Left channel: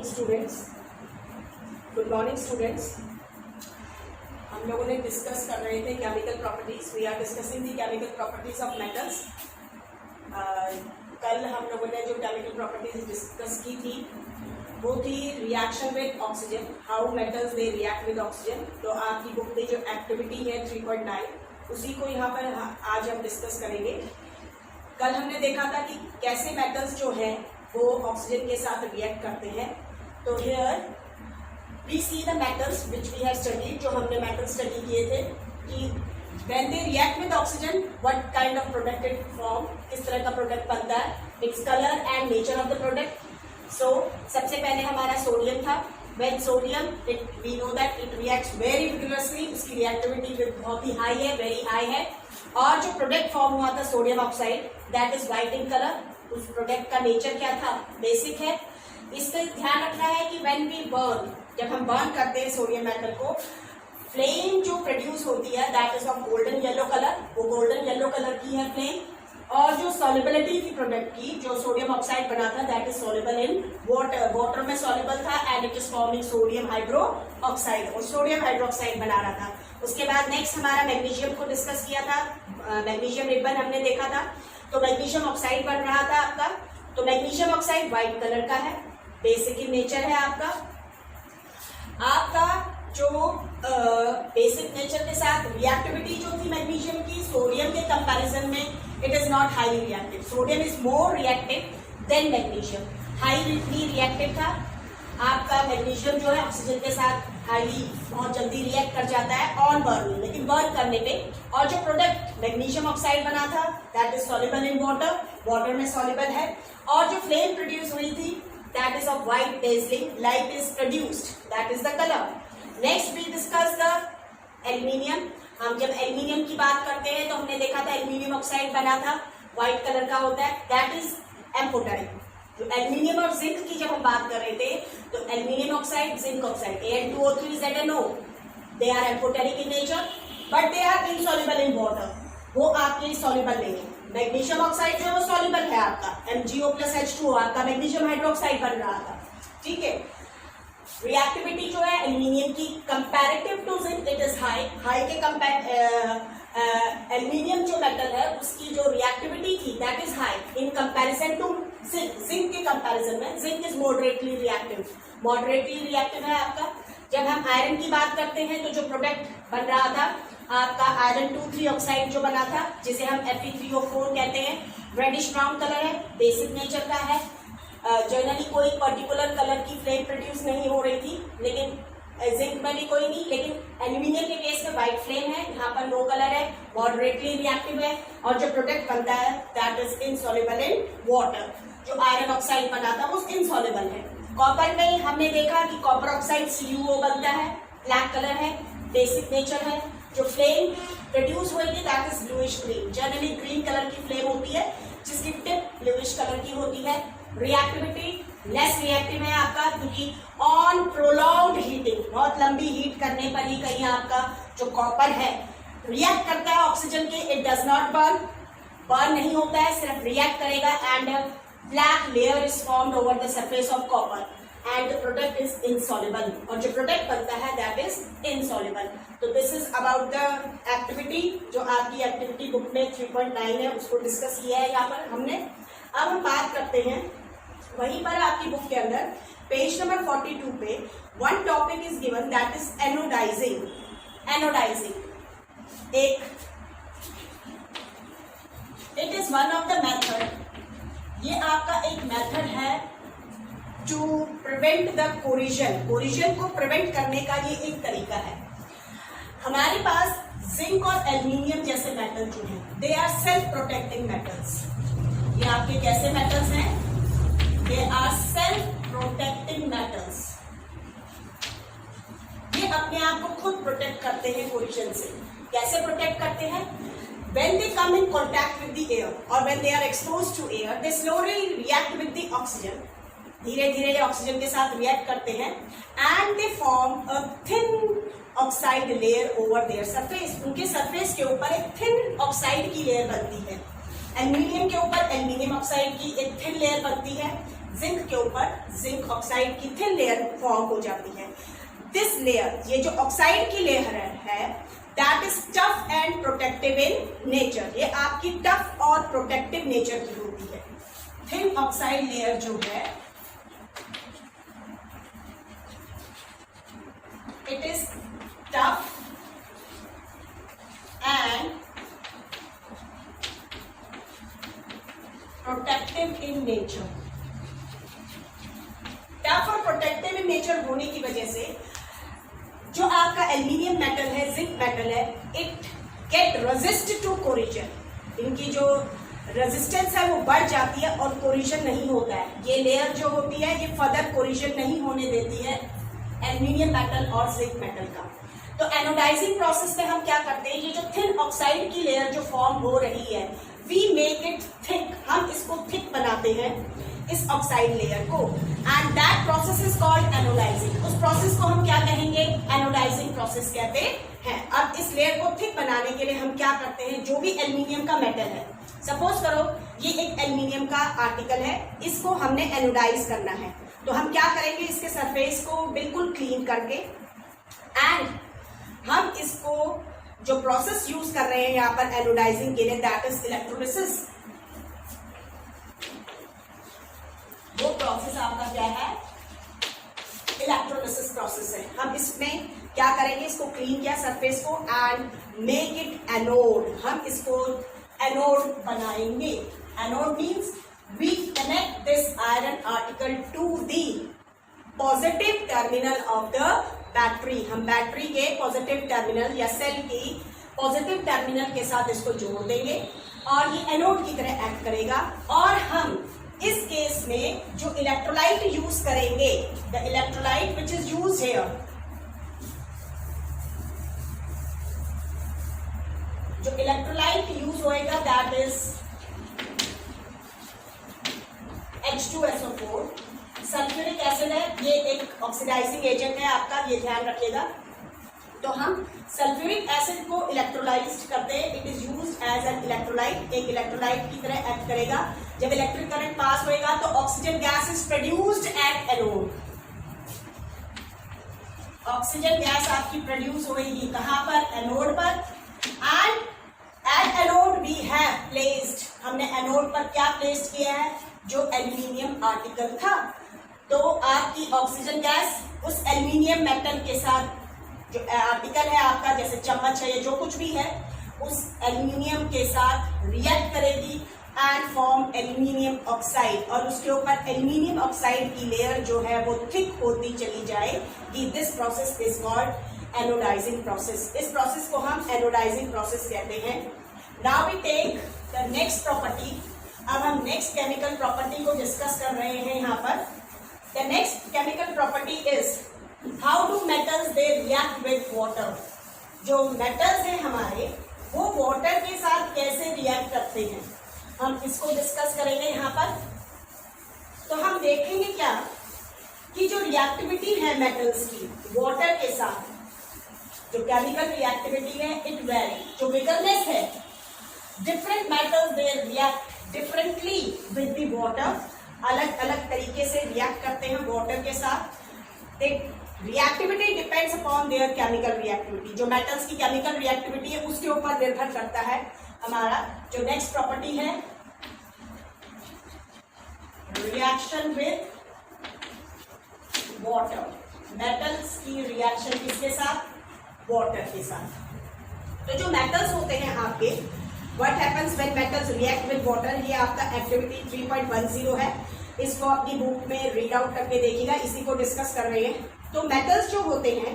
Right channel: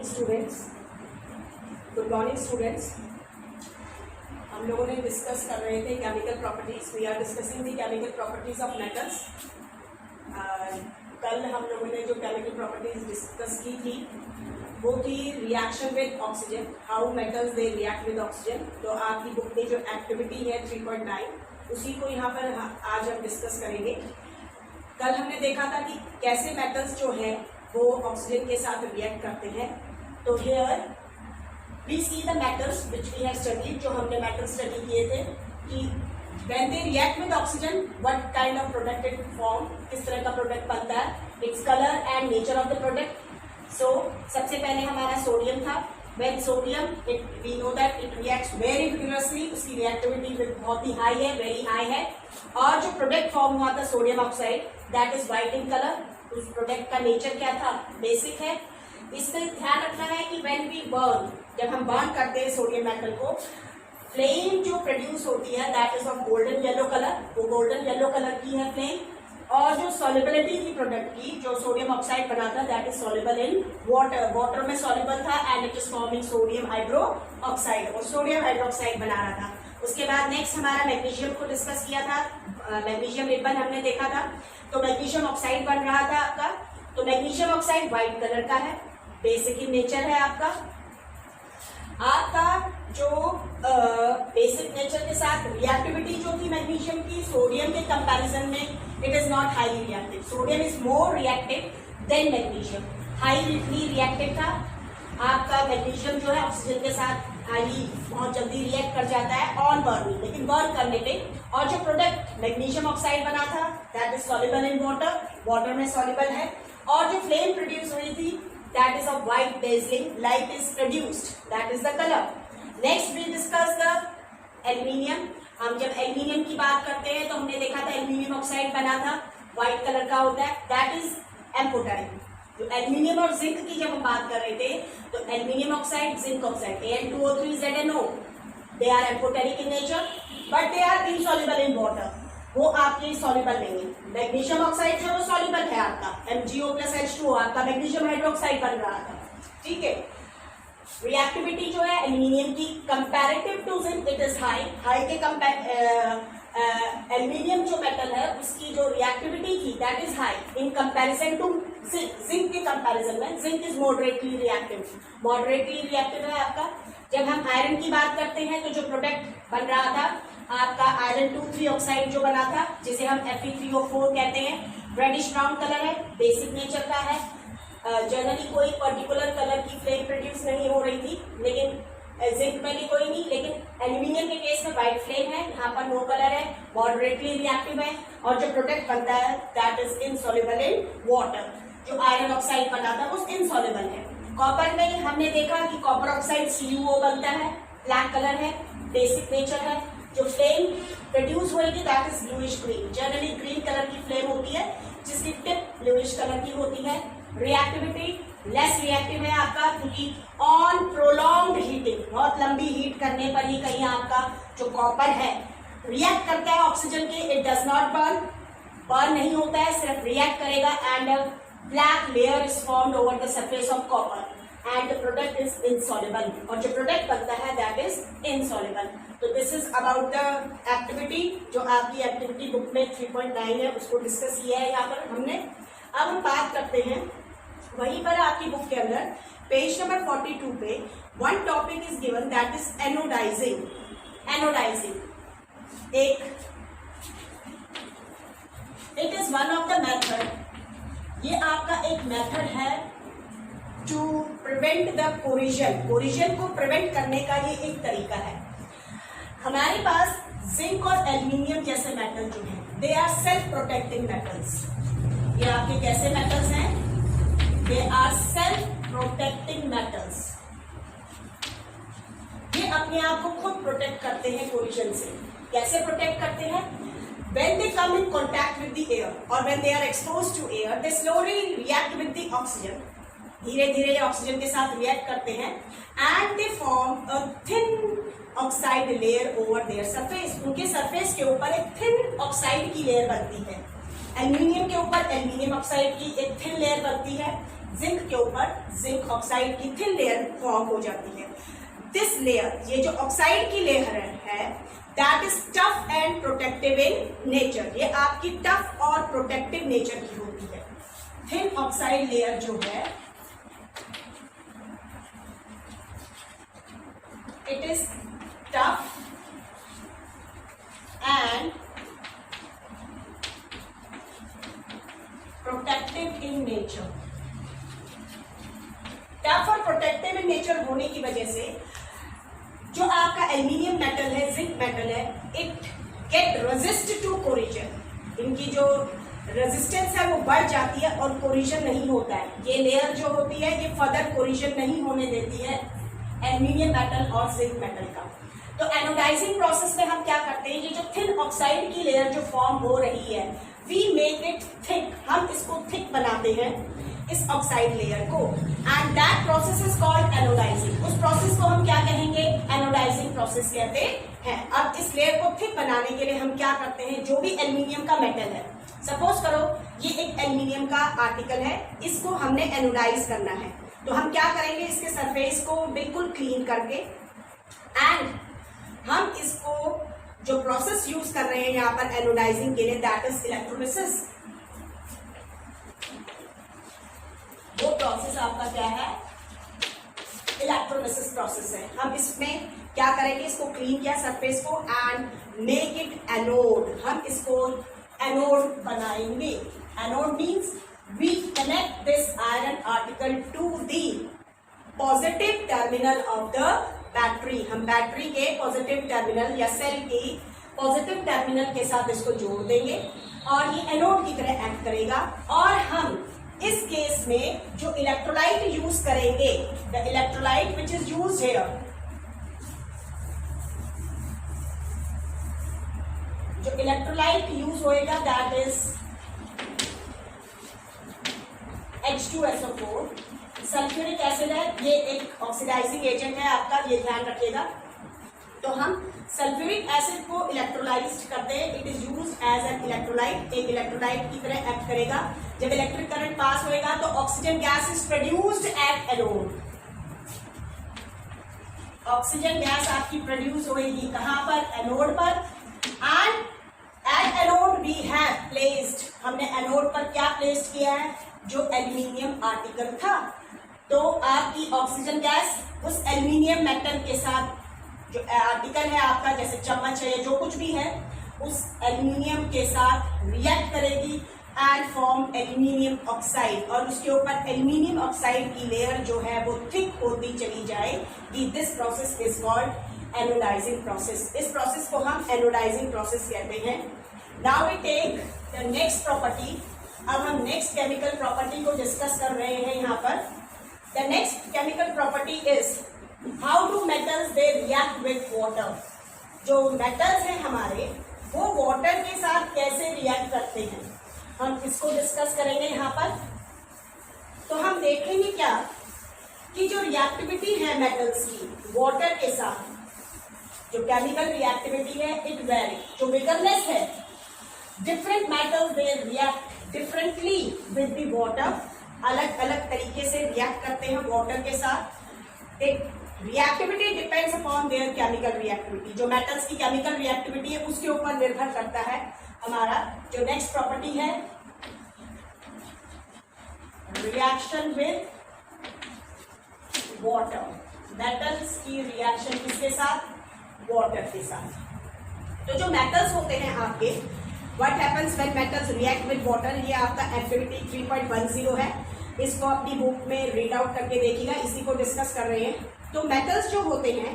Morning students, good morning students. हम लोगों ने डिस्कस कर रहे थे chemical properties. We are discussing the chemical properties of metals. कल हम लोगों ने जो केमिकल प्रॉपर्टीज डिस्कस की थी वो थी reaction with oxygen, how metals they react with oxygen. तो आपकी बुक में जो एक्टिविटी है 3.9 उसी को यहाँ पर आज हम डिस्कस करेंगे। कल हमने देखा था कि कैसे मेटल्स जो है वो ऑक्सीजन के साथ रिएक्ट करते हैं। तो here we see the metals which we have studied, जो हमने मेटल स्टडी किए थे कि when they react with oxygen what kind of product it form, किस तरह का प्रोडक्ट बनता है, its colour and nature of the product. So सबसे पहले हमारा सोडियम था। When sodium, we know that it reacts very vigorously, उसकी रिएक्टिविटी बहुत ही हाई है, वेरी हाई है। और जो प्रोडक्ट फॉर्म हुआ था sodium oxide, that is white in colour. उस प्रोडक्ट का नेचर क्या था, बेसिक है। इससे ध्यान रखना है कि व्हेन वी बर्न, जब हम बर्न करते हैं सोडियम मेटल को, फ्लेम जो प्रोड्यूस होती है that is of golden yellow colour, वो गोल्डन येलो कलर की है फ्लेम। और जो सॉल्युबिलिटी थी प्रोडक्ट की, जो सोडियम ऑक्साइड बना था, that is soluble in water, water में सॉल्युबल था and it is forming sodium hydro oxide, और सोडियम हाइड्रोक्साइड बना रहा था। उसके बाद नेक्स्ट हमारा मैग्नीशियम को डिस्कस किया था, मैग्नीशियम रिबन हमने देखा था। तो मैग्नीशियम ऑक्साइड बन रहा था आपका। तो मैग्नीशियम ऑक्साइड व्हाइट कलर का है, बेसिक इन नेचर है आपका जो बेसिक नेचर के साथ रिएक्टिविटी जो थी मैग्नीशियम की सोडियम के कंपैरिजन में, it is not highly reactive. Sodium is more reactive than magnesium, highly reactive था आपका। मैग्नीशियम जो है ऑक्सीजन के साथ हाईली बहुत जल्दी रिएक्ट कर जाता है ऑन बर्निंग, लेकिन बर्न करने पे। और जो प्रोडक्ट मैग्नीशियम ऑक्साइड बना था that is soluble in water, water में सॉल्युबल है। और जो फ्लेम प्रोड्यूस हुई थी that is of white dazzling, light is produced, that is the colour. Next we discuss the aluminium. हम जब एल्यूमिनियम की बात करते हैं तो हमने देखा था एल्यूमिनियम ऑक्साइड बना था, व्हाइट कलर का होता है, दैट इज एम्फोटेरिक। तो एल्यूमिनियम और जिंक की जब हम बात कर रहे थे तो aluminium oxide, zinc oxide, Al2O3 ZnO, they are amphoteric in nature but they are insoluble in water, वो आपके सॉल्युबल नहीं है। मैग्नीशियम ऑक्साइड जो है वो सॉल्युबल है आपका, MgO+H2O आपका मैग्नीशियम हाइड्रोक्साइड बन रहा था, ठीक है। रिएक्टिविटी जो है एल्यूमिनियम की comparative to zinc it is high, high के एल्यूमिनियम जो मेटल है उसकी जो रिएक्टिविटी थी that is high in comparison to zinc. Zinc के कंपैरिजन में zinc is moderately reactive, moderately reactive है आपका। जब हम आयरन की बात करते हैं तो जो प्रोडक्ट बन रहा था आपका आयरन 2,3 ऑक्साइड जो बना था, जिसे हम Fe3O4 कहते हैं, रेडिश ब्राउन कलर है, बेसिक नेचर का है। जनरली कोई पर्टिकुलर कलर की फ्लेम प्रोड्यूस नहीं हो रही थी, लेकिन जिंक में भी कोई नहीं, लेकिन एल्यूमिनियम के केस में व्हाइट फ्लेम है, यहाँ पर नो कलर है, मॉडरेटली रिएक्टिव है। और जो प्रोडक्ट बनता है that is insoluble in water, जो आयरन ऑक्साइड बना था वो इनसॉल्युबल है। कॉपर में हमने देखा कि कॉपर ऑक्साइड CuO बनता है, ब्लैक कलर है, बेसिक नेचर है। जो फ्लेम प्रोड्यूस होगी that is bluish green, generally green colour की फ्लेम होती है जिसकी टिप ब्लूइश कलर की होती है। रिएक्टिविटी लेस रिएक्टिव है आपका, क्योंकि ऑन प्रोलॉन्ग्ड हीटिंग, बहुत लंबी हीट करने पर ही कहीं आपका जो कॉपर है रिएक्ट करता है ऑक्सीजन के, it does not burn, burn नहीं होता है, सिर्फ रिएक्ट करेगा and black layer is formed over the surface of copper and the product is insoluble, और जो प्रोडक्ट बनता है दैट इज इनसॉल्युबल। तो this is about the activity, जो आपकी एक्टिविटी बुक में 3.9 है उसको डिस्कस किया है यहाँ पर हमने। अब हम बात करते हैं वहीं पर आपकी बुक के अंदर पेज नंबर 42 पे one topic is given that is anodizing. Anodizing it is one of the method, ये आपका एक मेथड है to prevent the corrosion, corrosion को प्रिवेंट करने का ये एक तरीका है। हमारे पास जिंक और एल्यूमिनियम जैसे मेटल जो हैं they are self protecting metals. ये आपके कैसे मेटल्स हैं, they are self protecting metals, ये अपने आप को खुद प्रोटेक्ट करते हैं कोरिजन से। कैसे प्रोटेक्ट करते हैं, when they come in contact with the air or when they are exposed to air, they slowly react with the oxygen, धीरे धीरे ऑक्सीजन के साथ रिएक्ट करते हैं and they form a thin oxide layer over their surface, उनके surface के ऊपर एक थिन ऑक्साइड की लेयर बनती है। एल्यूमिनियम के ऊपर एल्यूमिनियम ऑक्साइड की एक थिन लेयर बनती है, जिंक के ऊपर जिंक ऑक्साइड की थिन लेयर फॉर्म हो जाती है। दिस लेयर, ये जो ऑक्साइड की लेयर है, that is tough and protective in nature. ये आपकी टफ और प्रोटेक्टिव नेचर की होती है। थिन ऑक्साइड लेयर जो है, it is tough and protective in nature. Tough और प्रोटेक्टिव इन नेचर होने की वजह से जो आपका एल्यूमिनियम मेटल है, जिंक मेटल है, it get resist to corrosion. इनकी जो रेजिस्टेंस है वो बढ़ जाती है और कोरिजन नहीं होता है। ये लेयर जो होती है ये फर्दर कोरिजन नहीं होने देती है एल्यूमिनियम मेटल और जिंक मेटल का। तो एनोडाइजिंग प्रोसेस में हम क्या करते हैं, ये जो थिन ऑक्साइड की लेयर जो फॉर्म हो रही है, वी मेक इट थिक, हम इसको थिक बनाते हैं इस ऑक्साइड लेयर को, and that process is called anodizing. उस प्रोसेस को हम क्या कहेंगे, एनोडाइजिंग प्रोसेस कहते हैं। अब इस लेयर को थिक बनाने के लिए हम क्या करते हैं, जो भी एल्यूमिनियम का मेटल है, सपोज करो ये एक एल्यूमिनियम का आर्टिकल है, इसको हमने एनोडाइज करना है, तो हम क्या करेंगे, इसके सरफेस को बिल्कुल क्लीन करके, एंड हम इसको जो प्रोसेस यूज कर रहे हैं यहाँ पर एनोडाइजिंग के लिए, दैट इज इलेक्ट्रोलिसिस। वो प्रोसेस आपका क्या है, इलेक्ट्रोलिसिस प्रोसेस है। हम इसमें क्या करेंगे, इसको क्लीन किया सरफेस को एंड मेक इट एनोड। हम इसको एनोड बनाएंगे। Anode means we connect this iron article to the positive terminal of the battery. हम बैटरी के पॉजिटिव टर्मिनल या सेल की पॉजिटिव टर्मिनल के साथ इसको जोड़ देंगे और ये एनोड की तरह एक्ट करेगा। और हम इस केस में जो इलेक्ट्रोलाइट यूज करेंगे, the electrolyte which is use here, जो इलेक्ट्रोलाइट यूज होएगा that is H2SO4। Sulphuric acid है, ये एक ऑक्सीडाइजिंग एजेंट है आपका, ये ध्यान रखिएगा। तो हम सल्फ्यूरिक एसिड को इलेक्ट्रोलाइज करते हैं, it is use as an electrolyte, एक इलेक्ट्रोलाइट की तरह एक्ट करेगा। जब इलेक्ट्रिक करंट पास होएगा तो oxygen gas is produced at anode. Oxygen gas आपकी प्रोड्यूस होगी कहां पर, एनोड पर, and at anode we have placed, हमने एनोड पर क्या प्लेस्ड किया है, जो एल्यूमिनियम आर्टिकल था। तो आपकी ऑक्सीजन गैस उस एल्यूमिनियम मेटल के साथ, जो आर्टिकल है आपका, जैसे चम्मच है या जो कुछ भी है, उस एल्यूमिनियम के साथ रिएक्ट करेगी एंड फॉर्म एल्यूमिनियम ऑक्साइड, और उसके ऊपर एल्यूमिनियम ऑक्साइड की लेयर जो है वो थिक होती चली जाएगी। This process is called anodizing process. इस प्रोसेस को हम एनोडाइजिंग प्रोसेस कहते हैं। Now we take the next property. अब हम नेक्स्ट केमिकल प्रॉपर्टी को डिस्कस कर रहे हैं यहाँ पर। The next chemical property is how do metals they react with water. जो मेटल्स हैं हमारे, वो वाटर के साथ कैसे रिएक्ट करते हैं, हम इसको डिस्कस करेंगे यहाँ पर। तो हम देखेंगे क्या कि जो रिएक्टिविटी है मेटल्स की वाटर के साथ, जो केमिकल रिएक्टिविटी है, इट वेरी। जो विगरनेस है, different metals they react differently with the water, अलग अलग तरीके से रिएक्ट करते हैं वाटर के साथ। एक reactivity depends upon their chemical reactivity. जो मेटल्स की केमिकल रिएक्टिविटी है उसके ऊपर निर्भर करता है हमारा जो नेक्स्ट प्रॉपर्टी है, रिएक्शन विद वाटर। मेटल्स की रिएक्शन किसके साथ, वाटर के साथ। तो जो मेटल्स होते हैं आपके, what happens when metals react with water, ये आपका एक्टिविटी 3.10 है। इसको अपनी बुक में रीड आउट करके देखिएगा, इसी को डिस्कस कर रहे हैं। तो मेटल्स जो होते हैं,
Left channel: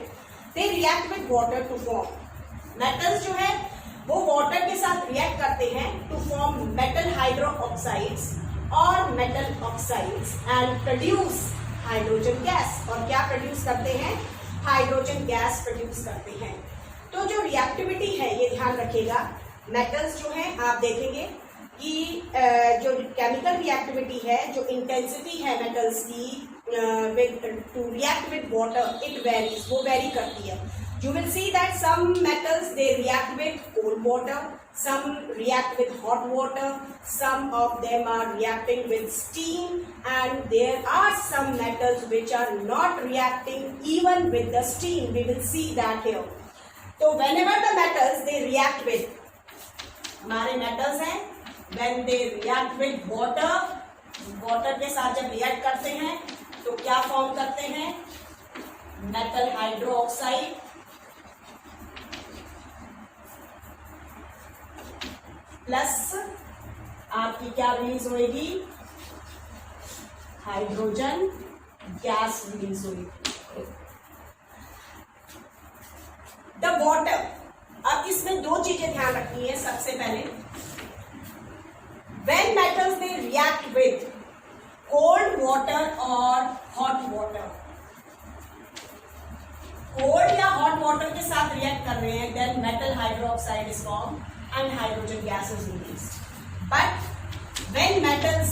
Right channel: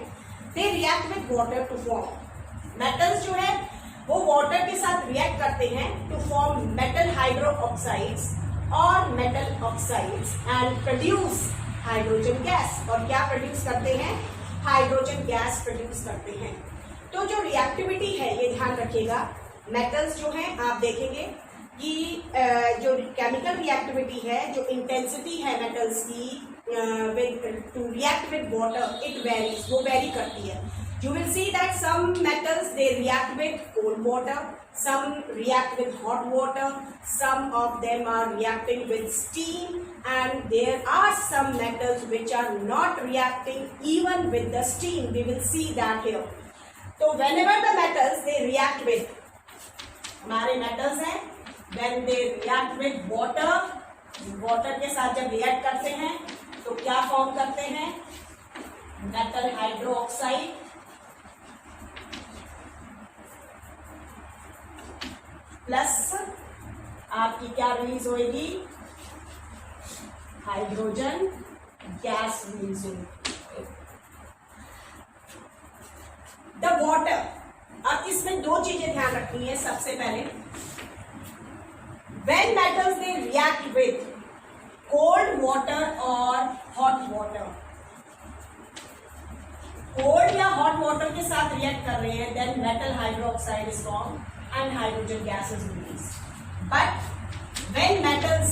they react with water to form. Metals जो है वो वाटर के साथ रिएक्ट करते हैं to form metal hydroxides और metal oxides and produce hydrogen gas. और क्या प्रोड्यूस करते हैं, हाइड्रोजन गैस प्रोड्यूस करते हैं। तो जो रिएक्टिविटी है, ये ध्यान रखिएगा, मेटल्स जो हैं आप देखेंगे कि जो केमिकल रिएक्टिविटी है, जो इंटेंसिटी है मेटल्स की to react with water, it varies, वो वेरी करती है। You will see that some metals they react with cold water, some react with hot water, some of them are reacting with steam, and there are some metals which are not reacting even with the steam. We will see that here. So whenever the metals they react with, हमारे metals हैं, when they react with water, water के साथ जब react करते हैं तो क्या form करते हैं? Metal hydroxide प्लस आपकी क्या रिलीज होगी? हाइड्रोजन गैस रिलीज होगी। द वाटर, अब इसमें दो चीजें ध्यान रखनी है। सबसे पहले, when metals they react with cold water और हॉट वाटर, कोल्ड या हॉट वाटर के साथ रिएक्ट कर रहे हैं, then metal hydroxide is form and hydrogen gas is released. But when metals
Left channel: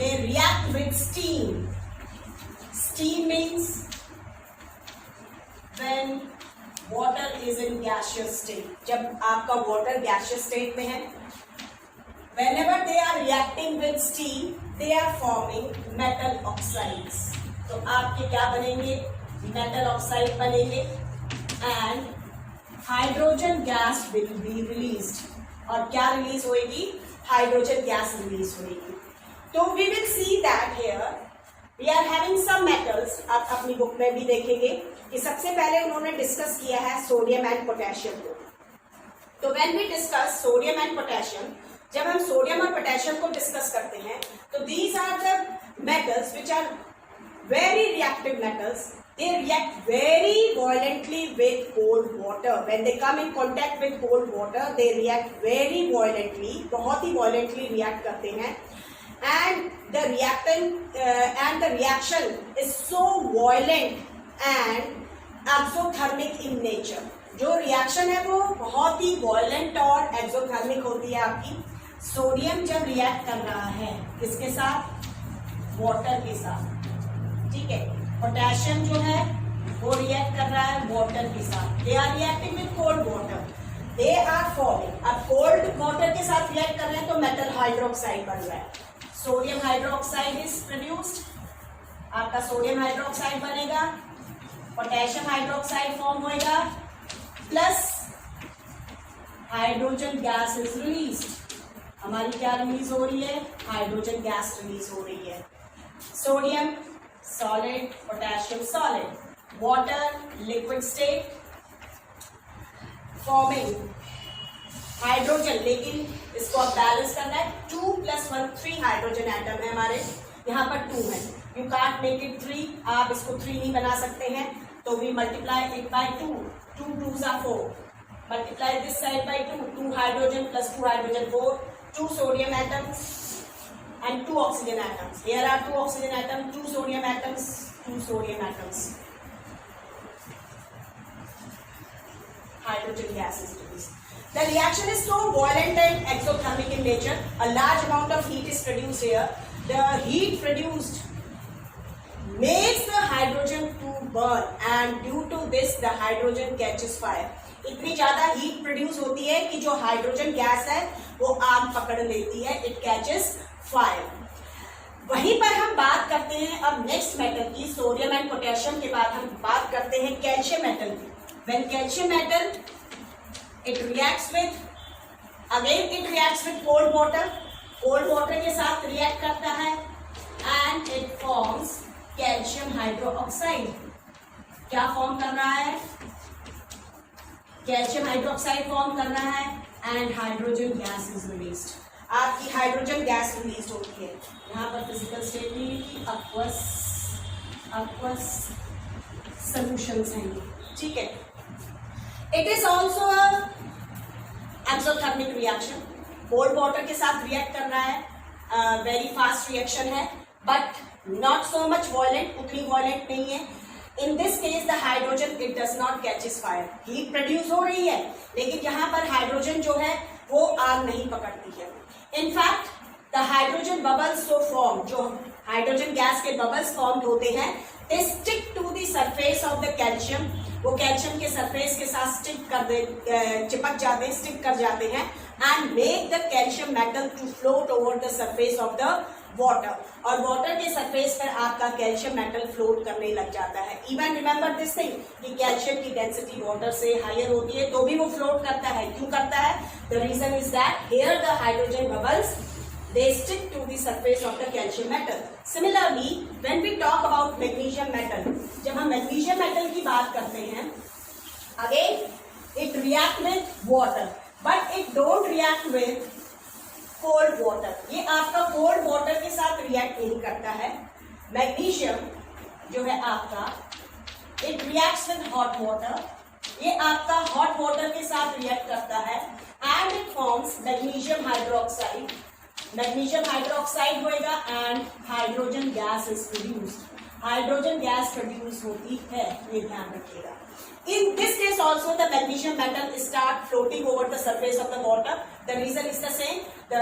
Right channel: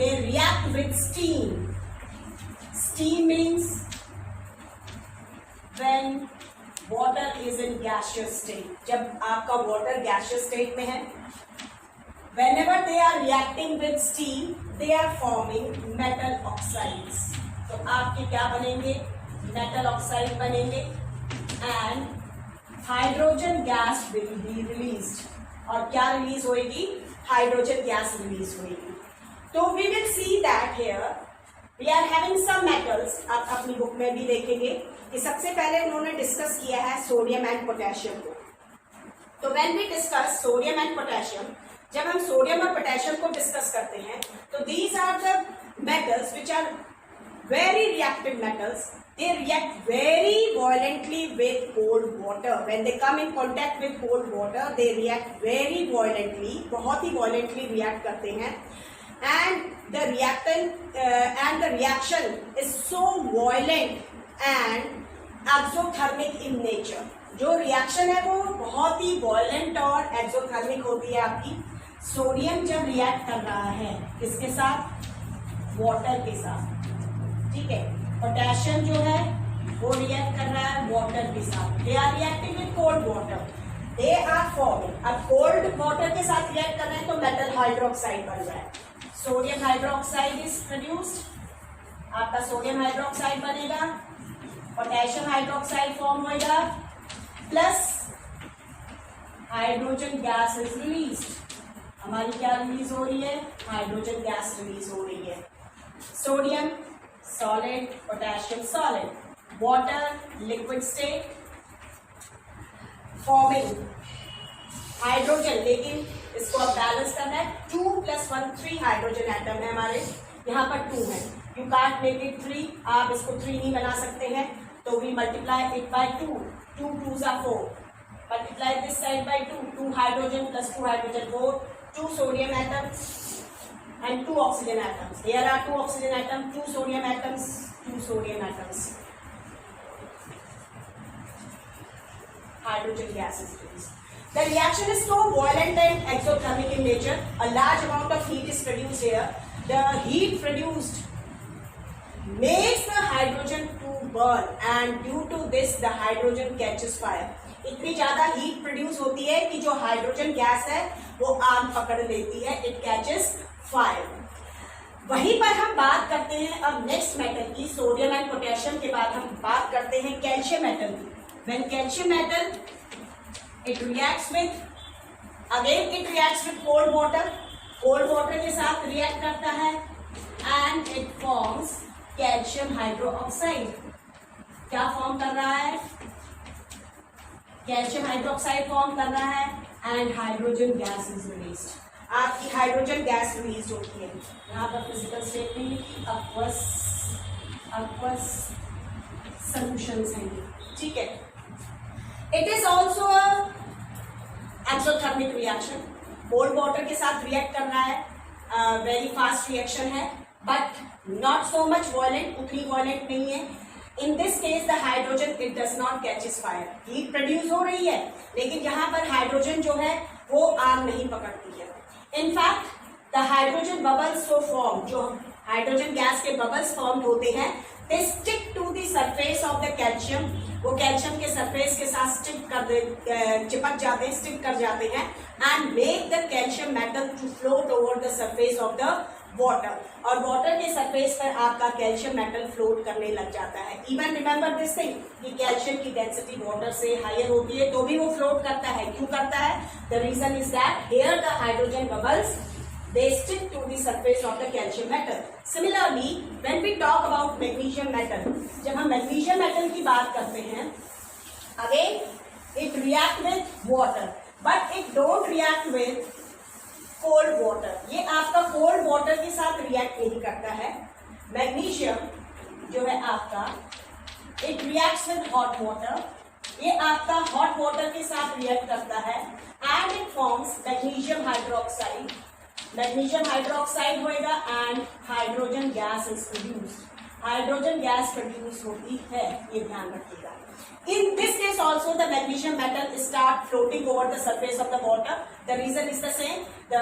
they react with steam, steam means when water is in gaseous state. जब आपका water gaseous state में है, whenever they are reacting with steam, they are forming metal oxides. तो आपके क्या बनेंगे? metal oxide बनेंगे and hydrogen gas will be released. और क्या रिलीज होगी? हाइड्रोजन गैस रिलीज होगी। तो we will see that here we are having some metals. आप अपनी बुक में भी देखेंगे कि सबसे पहले उन्होंने डिस्कस किया है सोडियम एंड पोटेशियम को। तो when we discuss sodium and potassium, जब हम सोडियम और पोटेशियम को डिस्कस करते हैं तो these are the metals which are very reactive metals. They react very violently with cold water. When they come in contact with cold water, they react very violently. बहुत ही violently react करते हैं. And the reaction is so violent and exothermic in nature. जो reaction है वो बहुत ही violent और exothermic होती है आपकी. सोडियम जब react कर रहा है किसके साथ? water के साथ. ठीक है. पोटेशियम जो है वो रिएक्ट कर रहा है वाटर के साथ. They are reacting with cold water. They are forming. अब कोल्ड वाटर के साथ रिएक्ट कर रहे हैं तो मेटल हाइड्रोक्साइड बन जाए. Sodium hydroxide is produced. आपका सोडियम हाइड्रोक्साइड बनेगा, पोटेशियम हाइड्रोक्साइड फॉर्म होगा, plus hydrogen gas is release. हमारी क्या रिलीज हो रही है? हाइड्रोजन गैस रिलीज हो रही है. Sodium solid, potassium solid, water liquid state forming hydrogen. लेकिन इसको अब बैलेंस करना है. 2 + 1 3 हाइड्रोजन एटम है हमारे, यहाँ पर 2 है. You can't make it 3. आप इसको 3 नहीं बना सकते हैं, तो वी multiply it by 2. 2 2s are 4. Multiply this side by 2. 2 hydrogen plus 2 hydrogen 4. 2 sodium atoms and 2 oxygen atoms. Here are 2 oxygen atoms, 2 sodium atoms, 2 sodium atoms. Hydrogen gas is released. The reaction is so violent and exothermic in nature. A large amount of heat is produced here. The heat produced makes the hydrogen to burn, and due to this the hydrogen catches fire. इतनी ज्यादा heat produce होती है कि जो hydrogen gas है वो आग पकड़ लेती है. It catches fire. वहीं पर हम बात करते हैं अब नेक्स्ट मेटल की. सोडियम एंड पोटेशियम के बाद हम बात करते हैं कैल्शियम मेटल की. When calcium metal it reacts with, again it reacts with cold water. Cold water के साथ रिएक्ट करता है and it forms calcium hydroxide. क्या फॉर्म कर रहा है? कैल्शियम हाइड्रोक्साइड फॉर्म कर रहा है and hydrogen gas is released. आपकी हाइड्रोजन गैस रिलीज होती है. यहाँ पर फिजिकल स्टेट नहीं लिखी, aqueous solutions हैं ये. ठीक है. It is also exothermic reaction. Cold water के साथ रिएक्ट कर रहा है. वेरी फास्ट रिएक्शन है but not so much violent. उतनी वॉयलेंट नहीं है. In this case the hydrogen it does not catches fire. Heat produce हो रही है लेकिन यहाँ पर हाइड्रोजन जो है वो आग नहीं पकड़ती है. In fact the hydrogen bubbles so form, जो हाइड्रोजन गैस के बबल्स फॉर्म होते हैं, they stick to the surface of the calcium, वो कैल्शियम के सरफेस के साथ चिपक जाते हैं, स्टिक कर जाते हैं, and make the calcium metal to float over the surface of the water, और वाटर के सरफेस पर आपका कैल्शियम मेटल फ्लोट करने लग जाता है। इवन रिमेंबर दिस थिंग कि कैल्शियम की डेंसिटी वाटर से हायर होती है तो भी वो फ्लोट करता है। क्यों करता है? The reason is that here the hydrogen bubbles they stick to the surface of the calcium metal. Similarly, when we talk about magnesium metal, जब हम magnesium metal की बात करते हैं, again it react with water, but it don't react with cold water. ये आपका cold water के साथ react नहीं करता है। Magnesium जो है आपका it reacts with hot water. ये आपका hot water के साथ react करता है and it forms magnesium hydroxide. Magnesium hydroxide होएगा and hydrogen gas is produced, hydrogen gas produce होती है, ये ध्यान रखिएगा। In this case also the magnesium metal start floating over the surface of the water, the reason is the same, the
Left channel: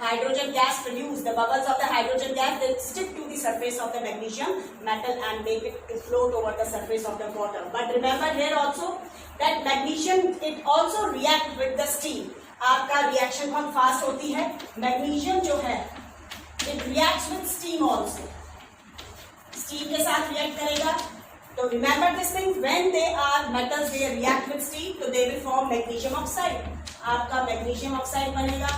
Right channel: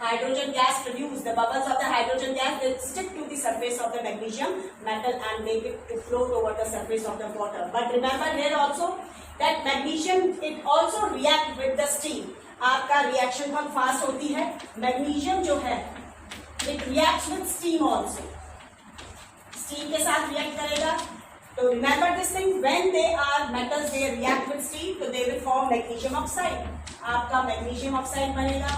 hydrogen gas produce, the bubbles of the hydrogen gas they stick to the surface of the magnesium metal and make it to float over the surface of the water. But remember here also that magnesium it also react with the steam, आपका reaction बहुत fast होती है। Magnesium जो है it reacts with steam also, steam के साथ react करेगा। तो remember this thing, when they are metals they react with steam तो they will form magnesium oxide, आपका मैग्नीशियम ऑक्साइड बनेगा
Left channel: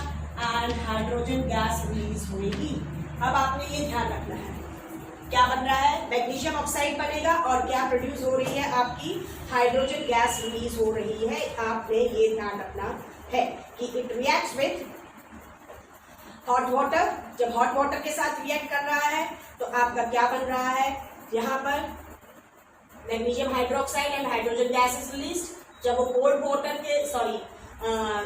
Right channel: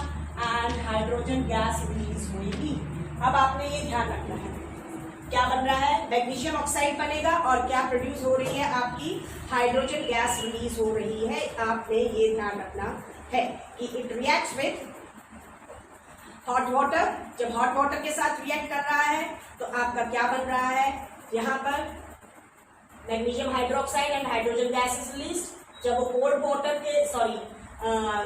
एंड हाइड्रोजन गैस रिलीज होगी। अब आपने ये ध्यान रखना है क्या बन रहा है, मैग्नीशियम ऑक्साइड बनेगा और क्या प्रोड्यूस हो रही है, आपकी हाइड्रोजन गैस रिलीज हो रही है। आपने ये ध्यान रखना है कि it reacts with hot water, जब हॉट वाटर के साथ रिएक्ट कर रहा है तो आपका क्या बन रहा है, यहाँ पर magnesium hydroxide and hydrogen gas is released. जब वो कोल्ड वाटर के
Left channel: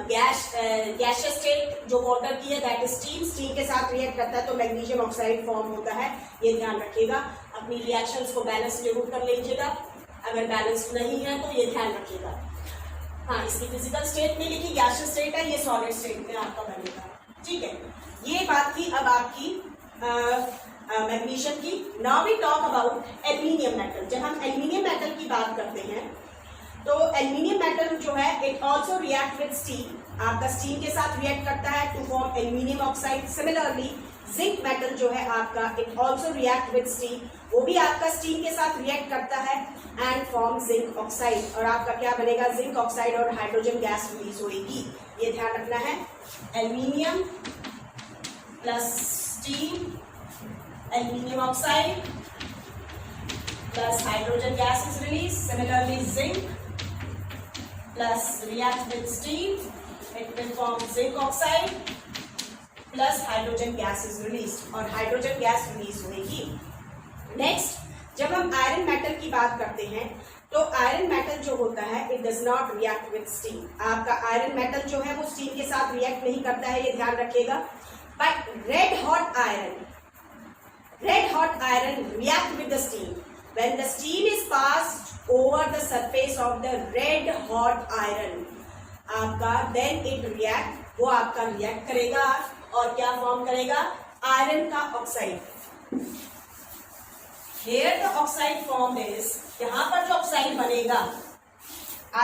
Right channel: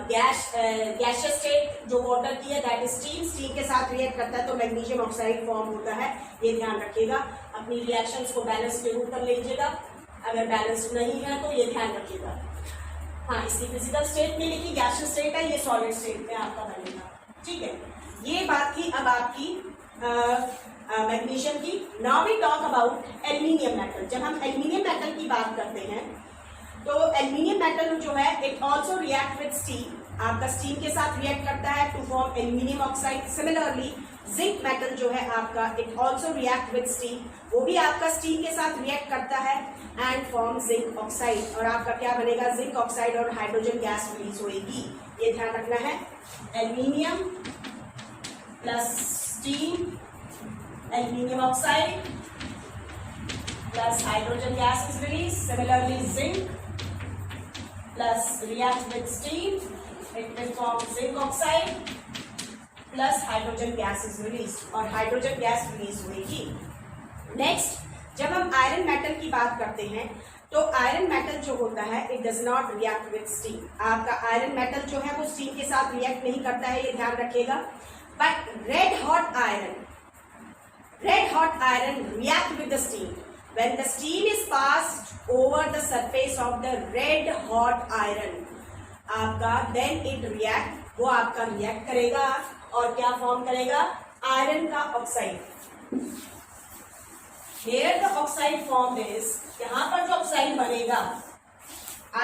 गैसियस स्टेट जो वाटर की है दैट इज स्टीम, स्टीम के साथ रिएक्ट करता है तो मैग्नीशियम ऑक्साइड फॉर्म होता है। ये ध्यान रखिएगा, अपनी रिएक्शंस को बैलेंस जरूर कर लीजिएगा, अगर बैलेंस नहीं है तो ये ध्यान रखिएगा। हाँ, इसकी फिजिकल स्टेट में लिखी गैसियस स्टेट है, ये सॉलिड स्टेट में आपका बनेगा, ठीक है। ये बात की अब आपकी मैग्नीशियम की। Now we talk about aluminium metal. जब हम एल्यूमिनियम मेटल की बात करते हैं तो एल्यूमिनियम मेटल जो है it also react with steam, आपका स्टीम के साथ रिएक्ट करता है to form aluminium oxide. Similarly zinc metal जो है आपका it also react with steam, वो भी आपका स्टीम के साथ रिएक्ट करता है एंड फॉर्म जिंक ऑक्साइड, और आपका क्या बनेगा, जिंक ऑक्साइड और हाइड्रोजन गैस रिलीज होगी। ये ध्यान रखना है, aluminium plus steam, aluminium oxide plus hydrogen gas is release. Similarly zinc plus react with steam, it will form zinc oxide plus hydrogen gas is released, और hydrogen gas release होगी। Next जब हम iron metal की बात करते हैं तो iron metal जो होता है it does not react with steam, आपका आयरन मेटल जो है वो स्टीम के साथ रिएक्ट नहीं करता है, ये ध्यान रखिएगा। But red hot iron react with the steam. When the steam is passed over the surface of the red hot iron, आपका then it react, वो आपका रिएक्ट करेगा और क्या फॉर्म करेगा, आयरन का oxide. Here the oxide formed is, यहाँ पर जो ऑक्साइड बनेगा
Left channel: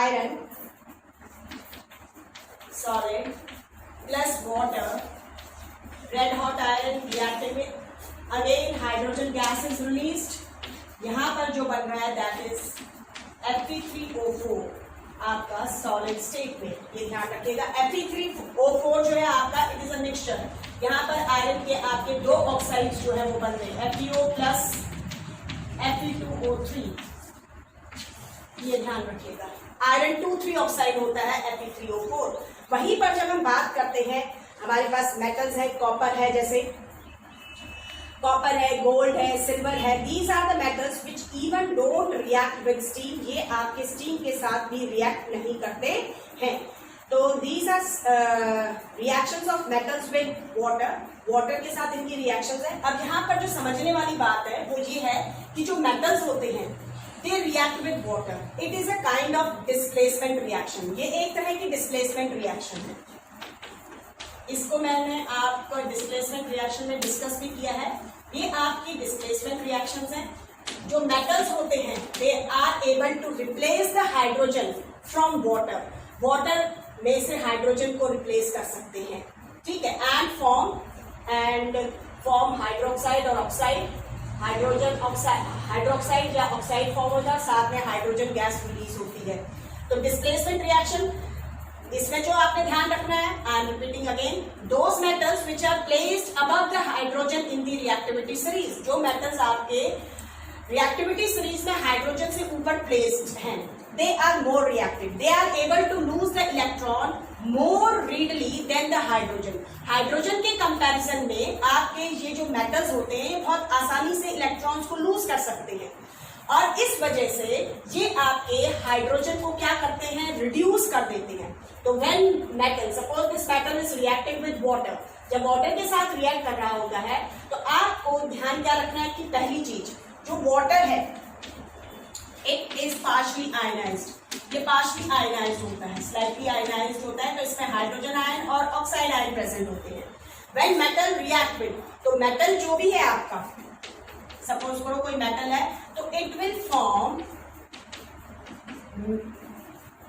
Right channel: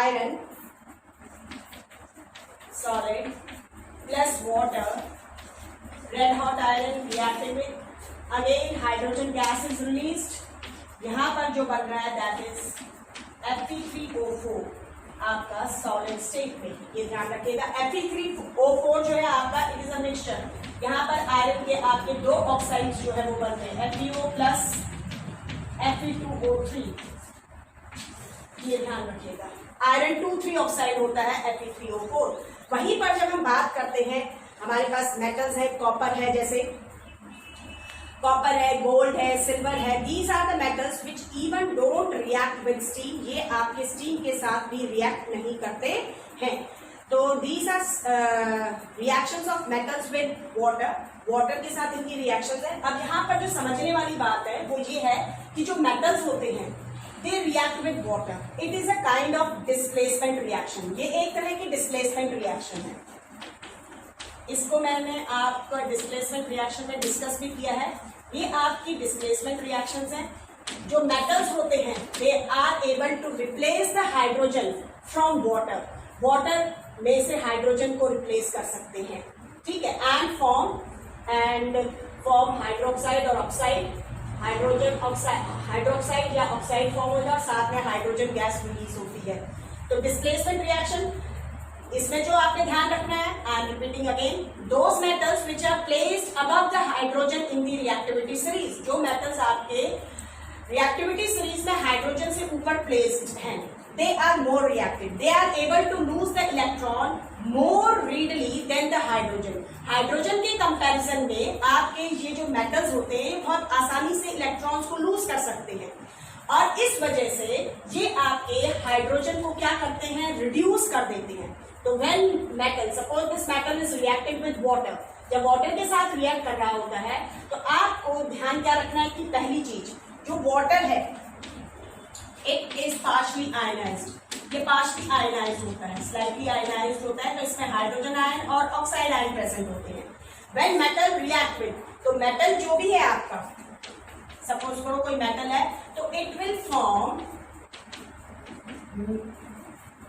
iron solid plus water, red hot iron reacting with again hydrogen gas is released. यहाँ पर जो बन रहा है दैट इज Fe3O4 आपका सॉलिड स्टेट में, ये ध्यान रखिएगा। Fe3O4 जो है आपका इट इज अ मिक्सचर, यहाँ पर आयरन के आपके दो ऑक्साइड्स जो है वो बन रहे हैं FeO प्लस Fe2O3, ये ध्यान रखिएगा। आयरन 2,3 ऑक्साइड होता है Fe3O4। वहीं पर जब हम बात करते हैं हमारे पास मेटल्स है, कॉपर है, जैसे कॉपर है, गोल्ड है, सिल्वर है, these are the metals which even don't react with steam, ये आपके स्टीम के साथ भी रिएक्ट नहीं करते हैं। तो these are reactions of metals with water, water के साथ इनकी रिएक्शंस है। अब यहाँ पर जो समझने वाली बात है वो ये है कि जो मेटल्स होते हैं they react with water, it is a kind of displacement reaction, ये एक तरह की डिस्प्लेसमेंट रिएक्शन है। इसको मैंने आपको डिस्प्लेसमेंट रिएक्शन में डिस्कस भी किया है। ये आपकी डिस्प्लेसमेंट रिएक्शंस हैं जो मेटल्स होते हैं they are able to replace the hydrogen from water, water में से हाइड्रोजन को रिप्लेस कर सकते हैं, ठीक है, एंड फॉर्म हाइड्रोक्साइड और ऑक्साइड, हाइड्रोजन ऑक्साइड, हाइड्रोक्साइड या ऑक्साइड फॉर्म होता है, साथ में हाइड्रोजन गैस रिलीज होती है। तो डिस्प्लेसमेंट रिएक्शन, इसमें जो आपने ध्यान रखना है, I am repeating again, those metals which are placed above the hydrogen in the reactivity series, जो मेटल्स आपके रिएक्टिविटी सीरीज में हाइड्रोजन से ऊपर प्लेस्ड हैं, they are more reactive, they are able to lose the electron more readily than the hydrogen. Hydrogen के comparison में आपके ये जो मेटल्स होते हैं बहुत आसानी से इलेक्ट्रॉन्स को लूज कर सकते हैं, और इस वजह से ये आपके हाइड्रोजन को क्या करते हैं, रिड्यूस कर देते हैं। तो when metal, suppose this metal is reacting with water, जब वाटर के साथ रिएक्ट कर रहा होता है तो आपको ध्यान क्या रखना है कि पहली चीज, जो वाटर है इट इज पार्शली आयनाइज्ड, ये पार्शली आयनाइज्ड होता है, स्लाइटली आयनाइज्ड होता है, तो इसमें हाइड्रोजन आयन और ऑक्साइड आयन प्रेजेंट होते हैं। व्हेन मेटल रिएक्ट विद, तो मेटल जो भी है आपका, सपोज करो कोई मेटल है, तो इट विल फॉर्म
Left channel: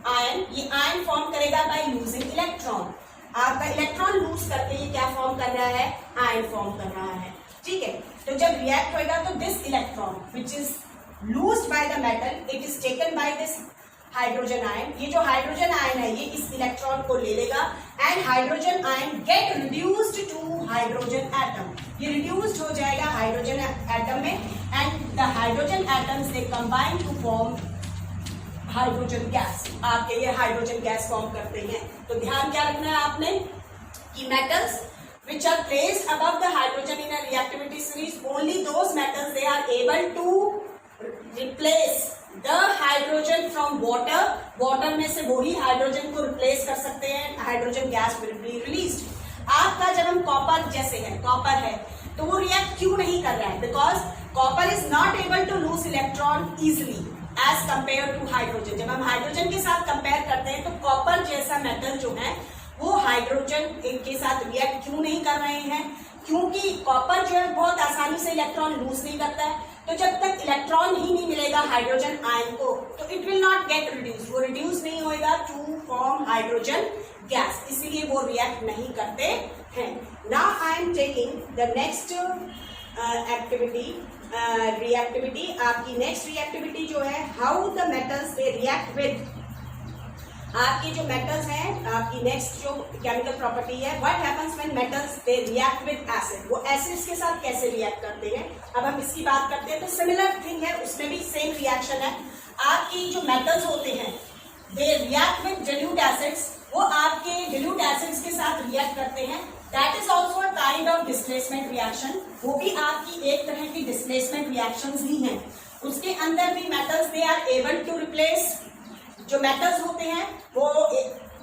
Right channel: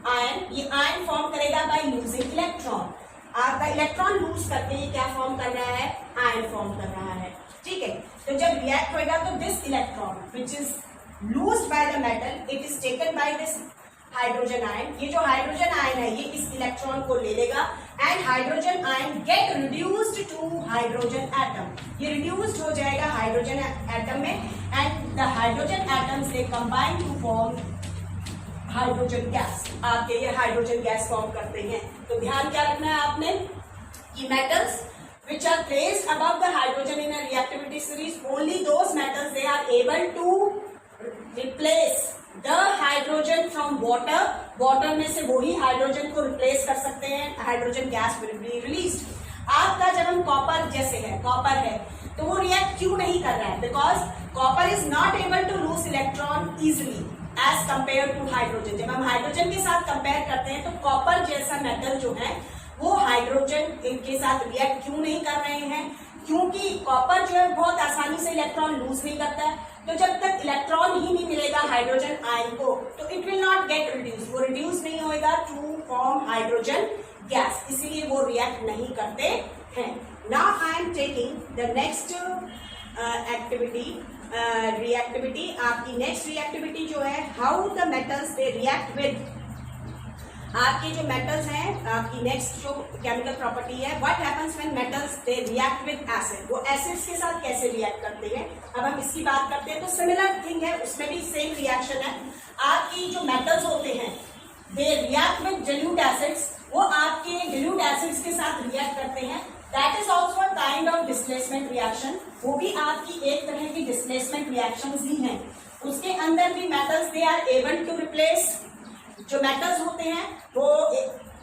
आयन, ये आयन फॉर्म करेगा बाय लूजिंग इलेक्ट्रॉन, आपका इलेक्ट्रॉन लूज करके ये क्या फॉर्म कर रहा है, आयन फॉर्म कर रहा है, ठीक है। तो जब रिएक्ट होएगा तो this electron which is लूज्ड by the metal, it is taken by this hydrogen ion, ये जो हाइड्रोजन आयन है ये इस इलेक्ट्रॉन को ले लेगा, and hydrogen ion get reduced to hydrogen atom, ये रिड्यूस्ड हो जाएगा हाइड्रोजन एटम में, and the hydrogen atoms they combine to form hydrogen gas, आपके ये हाइड्रोजन गैस फॉर्म करते हैं। तो ध्यान क्या रखना है आपने कि metals which are placed above the hydrogen in a reactivity series, only those metals they are able to replace the hydrogen from water, water में से वही हाइड्रोजन को रिप्लेस कर सकते हैं, hydrogen gas will be released. आपका जब हम कॉपर जैसे है, कॉपर है तो वो रिएक्ट क्यों नहीं कर रहा है, because copper is not able to lose electron easily as compare to hydrogen. जब हम हाइड्रोजन के साथ कंपेयर करते हैं तो कॉपर जैसा मेटल जो है वो हाइड्रोजन इनके साथ रिएक्ट क्यों नहीं कर रहे हैं, क्योंकि कॉपर जो है बहुत आसानी से इलेक्ट्रॉन लूज नहीं करता है, तो जब तक इलेक्ट्रॉन ही नहीं मिलेगा हाइड्रोजन आयन को तो it will not get reduce, वो रिड्यूस नहीं होएगा टू फॉर्म हाइड्रोजन गैस, इसीलिए वो रिएक्ट नहीं करते हैं। Now I am taking the next activity, reactivity, आपकी नेक्स्ट रिएक्टिविटी जो है, how the metals they react with, आपके जो मेटल्स हैं, आपकी नेक्स्ट जो केमिकल प्रॉपर्टी है, what happens when metals they react with acid, वो एसिड्स के साथ कैसे रिएक्ट करते हैं, अब हम इसकी बात करते हैं। तो सिमिलर थिंग है, उसमें भी सेम रिएक्शन है। आपकी जो मेटल्स होते हैं they react with dilute acids, वो आपके डिल्यूट एसिड्स के साथ रिएक्ट करते हैं, that is also a kind of displacement reaction, वो भी आपकी एक तरह की डिस्प्लेसमेंट रिएक्शन ही है। उसके अंदर भी metals they are able to replace, जो मेटल्स होते हैं वो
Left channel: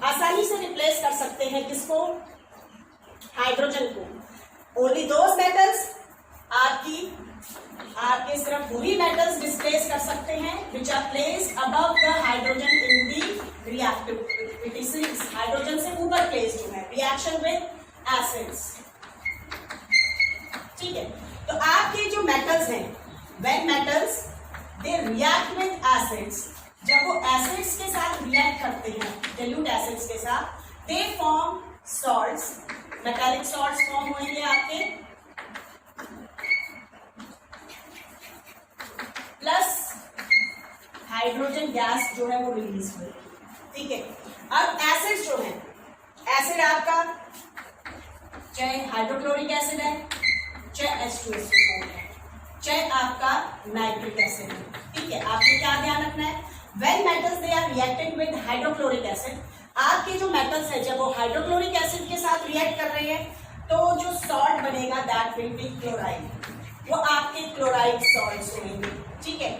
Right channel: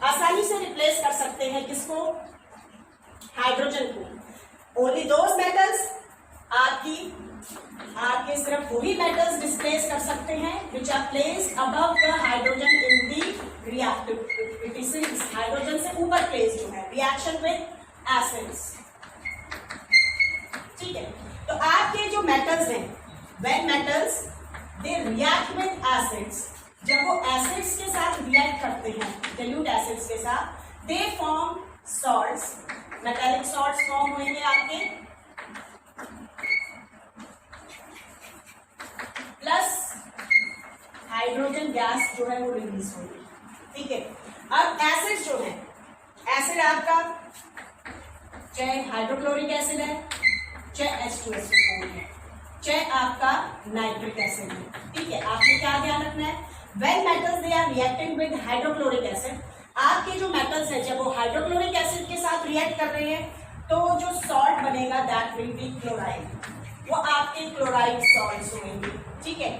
आसानी से रिप्लेस कर सकते हैं किसको, हाइड्रोजन को। ओनली दोज मेटल्स, आपके सिर्फ वही मेटल्स डिस्प्लेस कर सकते हैं which are placed above the hydrogen in the reactivity series, hydrogen से ऊपर प्लेस्ड जो है, रिएक्शन विद एसिड्स, ठीक है। तो आपके जो मेटल्स हैं, when metals they react with acids, जब वो एसिड्स के साथ रिएक्ट करते हैं, डिल्यूट एसिड्स के साथ, they form salts, metallic salts form होंगे आपके, प्लस हाइड्रोजन गैस जो है वो रिलीज होगी, ठीक है। अब एसिड जो है, एसिड आपका चाहे हाइड्रोक्लोरिक एसिड है, चाहे H2SO4 है, चाहे आपका नाइट्रिक एसिड है, ठीक है। आपको क्या ध्यान रखना है, when metals they are reacting with hydrochloric acid, आपके जो मेटल्स है जब वो हाइड्रोक्लोरिक एसिड के साथ रिएक्ट कर रहे हैं तो जो सॉल्ट बनेगा दैट विल बी क्लोराइड, वो आपके क्लोराइड सॉल्ट्स होंगे, ठीक है।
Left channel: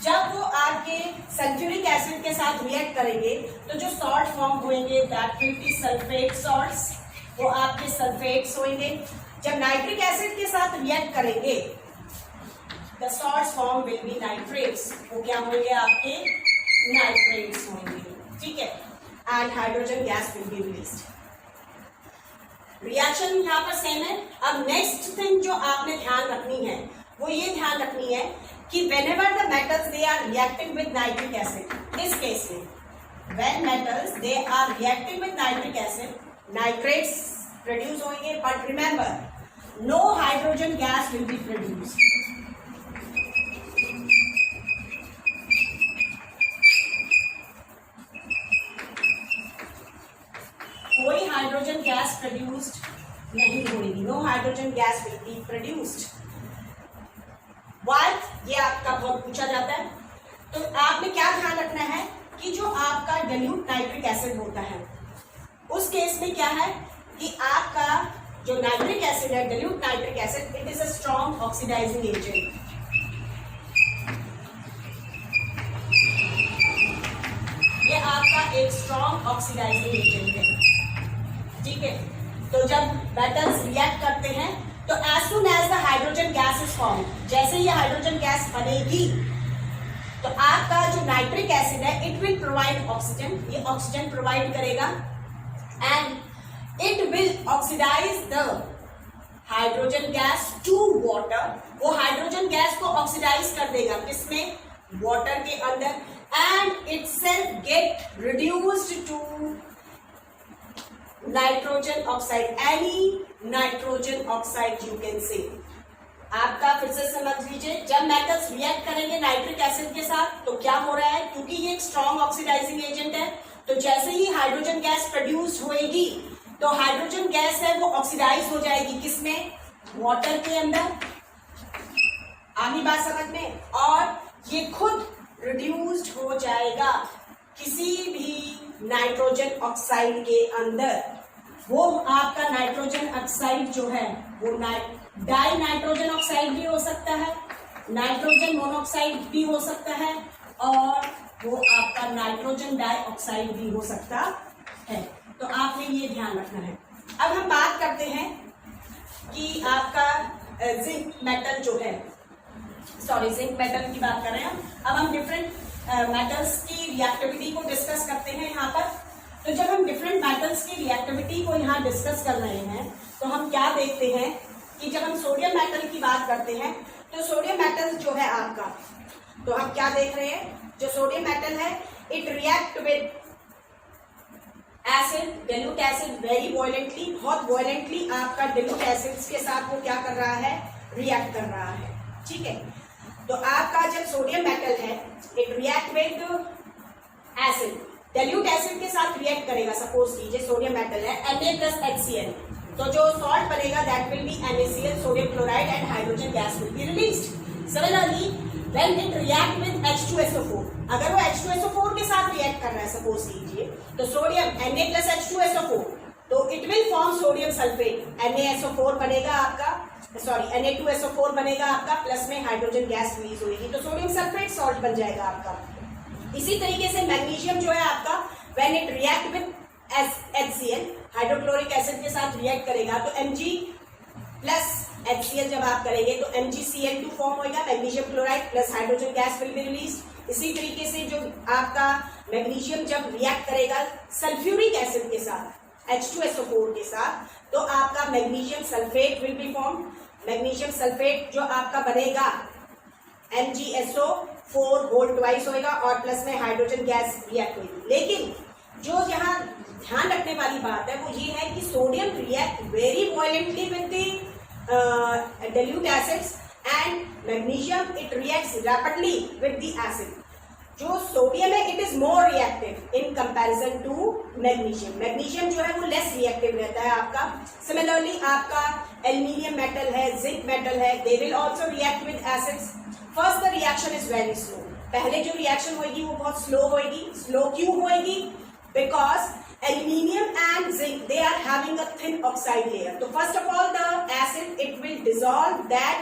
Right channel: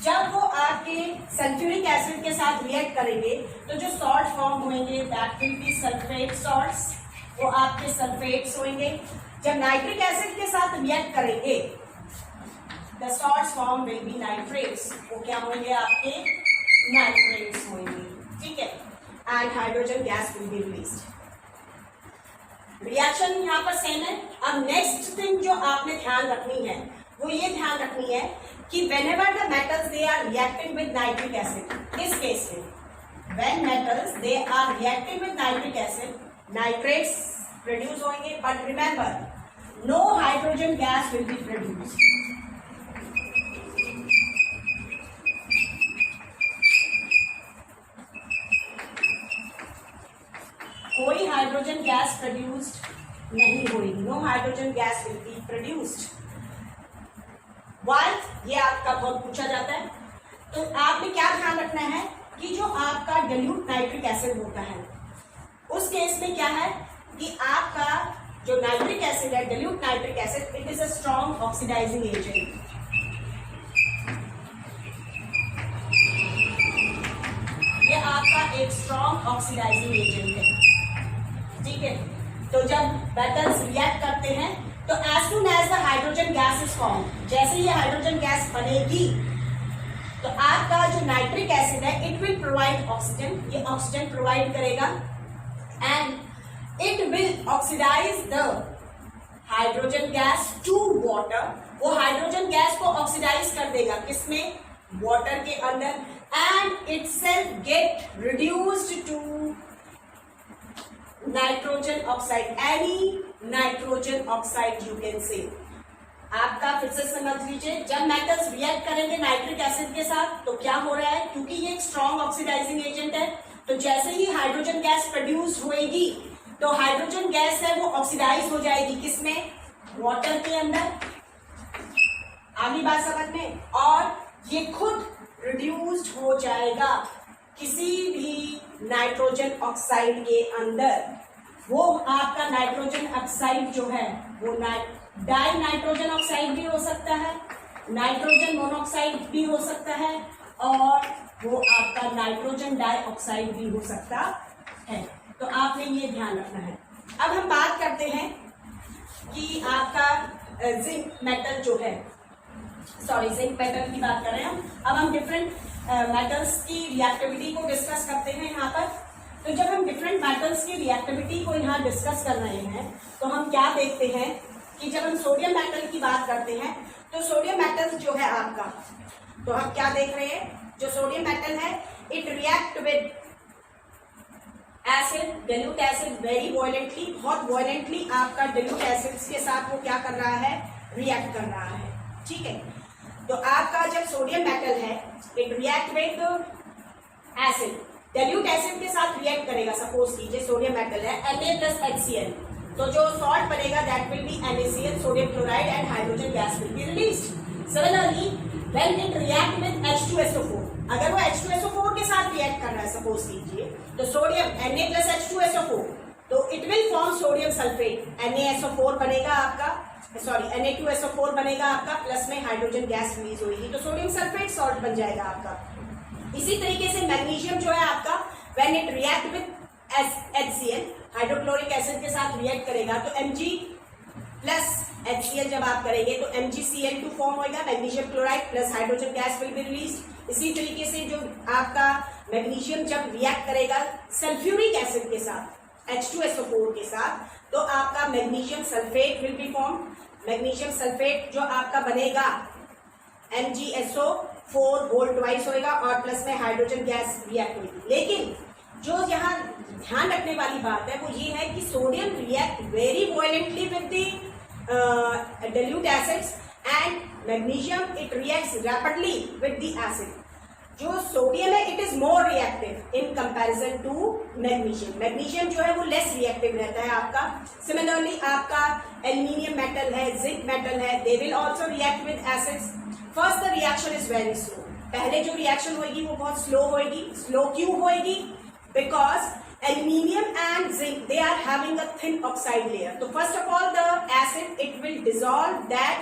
जब वो आपके सल्फ्यूरिक एसिड के साथ रिएक्ट करेंगे तो जो सॉल्ट फॉर्म होंगे that will be sulphate salts, वो आपके सल्फेट्स होंगे। जब नाइट्रिक एसिड के साथ रिएक्ट करेंगे the salts form will be nitrates, वो क्या होंगे आपके नाइट्रेट्स होंगे, ठीक है, and hydrogen gas will be released. Reaction यहाँ पर सेम है। अब नेक्स्ट थिंग जो आपने ध्यान रखनी है वो ये ध्यान रखनी है कि whenever the metals they are reacting with nitric acid, किस केस में, when metals they are reacting with nitric acid, nitrates produce होंगे, but remember no hydrogen gas will be produced. कोई हाइड्रोजन गैस प्रोड्यूस्ड नहीं होगी, no hydrogen gas will be produced. Why, ये आपका बहुत पूछा जाता है। तो आपने क्या ध्यान रखना है कि जो आपका डाइल्यूट नाइट्रिक एसिड होता है उस केस में क्या है कि आपका जो नाइट्रिक एसिड है, dilute nitric acid, it is a strong oxidizing agent. ये आपका एक स्ट्रॉन्ग ऑक्सीडाइजिंग एजेंट है, ठीक है। तो जब मेटल्स रिएक्ट करते हैं तो as soon as the hydrogen gas is form, जैसे ये हाइड्रोजन गैस बनेगी तो आपका जो नाइट्रिक एसिड है इट विल प्रोवाइड ऑक्सीजन, ये ऑक्सीजन प्रोवाइड करेगा and it will oxidize the hydrogen gas to water। वो हाइड्रोजन गैस को ऑक्सीडाइज कर देगा, किसमें, वाटर के अंदर, and itself get reduced to nitrogen oxide, any nitrogen oxide you can say. आपका फिर से समझ लीजिए, जब मेटल्स रिएक्ट करेंगे नाइट्रिक एसिड के साथ तो क्या हो रहा है, क्योंकि ये एक स्ट्रॉन्ग ऑक्सीडाइजिंग एजेंट है, तो जैसे ही हाइड्रोजन गैस प्रोड्यूस होएगी तो हाइड्रोजन गैस है वो ऑक्सीडाइज हो जाएगी, किसमें, वाटर के अंदर। आगे बात समझ में, और ये खुद रिड्यूस्ड हो जाएगा किसी भी नाइट्रोजन ऑक्साइड के अंदर। वो आपका नाइट्रोजन ऑक्साइड जो है वो डाई नाइट्रोजन ऑक्साइड भी हो सकता है, नाइट्रोजन मोनोऑक्साइड भी हो सकता है, और वो आपका नाइट्रोजन डाइऑक्साइड भी हो सकता है। तो आपने ये ध्यान रखना है। अब हम बात करते हैं कि आपका जिंक मेटल जो है, जिंक मेटल की बात कर रहे हैं अब हम डिफरेंट मेटल्स की रिएक्टिविटी को डिस्कस करते हैं यहाँ पर। तो जब हम डिफरेंट मेटल्स की रिएक्टिविटी को यहाँ डिस्कस कर रहे हैं तो हम क्या देखते हैं कि जब हम सोडियम मेटल की बात करते हैं तो सोडियम मेटल जो है आपका, तो हम क्या देख रहे हैं, जो सोडियम मेटल है it react with acid, dilute acid very violently, बहुत वॉयलेंटली आपका डाइल्यूट एसिड्स के साथ वो क्या कर रहा है, रिएक्ट कर रहा है, ठीक है। तो आपका जब सोडियम मेटल है it react with acid, dilute acid के साथ रिएक्ट करेगा। सपोज कीजिए सोडियम मेटल है Na+HCl, तो जो सॉल्ट बनेगा that will be NaCl, sodium chloride and hydrogen gas will be released. Similarly when it react with H2SO4, अगर वो H2SO4 के साथ रिएक्ट कर रहा है सपोज कीजिए, तो सोडियम Na+H2SO4, तो it will form sodium sulphate, NaSO4 बनेगा आपका, Na2SO4 बनेगा आपका, प्लस में हाइड्रोजन गैस रिलीज होगी, तो सोडियम सल्फेट सॉल्ट बन जाएगा आपका। इसी तरीके से मैग्नीशियम जो है आपका when it react with HCl, hydrochloric acid के साथ रिएक्ट करेगा तो Mg+HCl जब आप करेंगे तो MgCl2 फॉर्म होगा, magnesium chloride plus hydrogen gas will be release. इसी तरीके से जो आपका मैग्नीशियम जब रिएक्ट करेगा सल्फ्यूरिक एसिड के साथ H2SO4 के साथ, तो आपका magnesium sulphate will be form. Magnesium sulphate जो आपका बनेगा MgSO4 होल ट्वाइस होगा और प्लस में हाइड्रोजन गैस रिएक्ट होगी। लेकिन जो यहाँ ध्यान रखने वाली बात है वो ये है कि sodium react very violently with the dilute acids and magnesium it reacts rapidly with the acid. जो सोडियम है it is more reactive in comparison to magnesium. Magnesium जो है वो लेस रिएक्टिव रहता है आपका। सिमिलरली आपका एल्यूमिनियम मेटल है, जिंक मेटल है, they will also react with acids. First the reaction is very slow, पहले जो रिएक्शन होगी वो बहुत स्लो होगी। स्लो क्यों होगी? Because aluminium and zinc they are having a thin oxide layer, तो first of all the acid it will dissolve that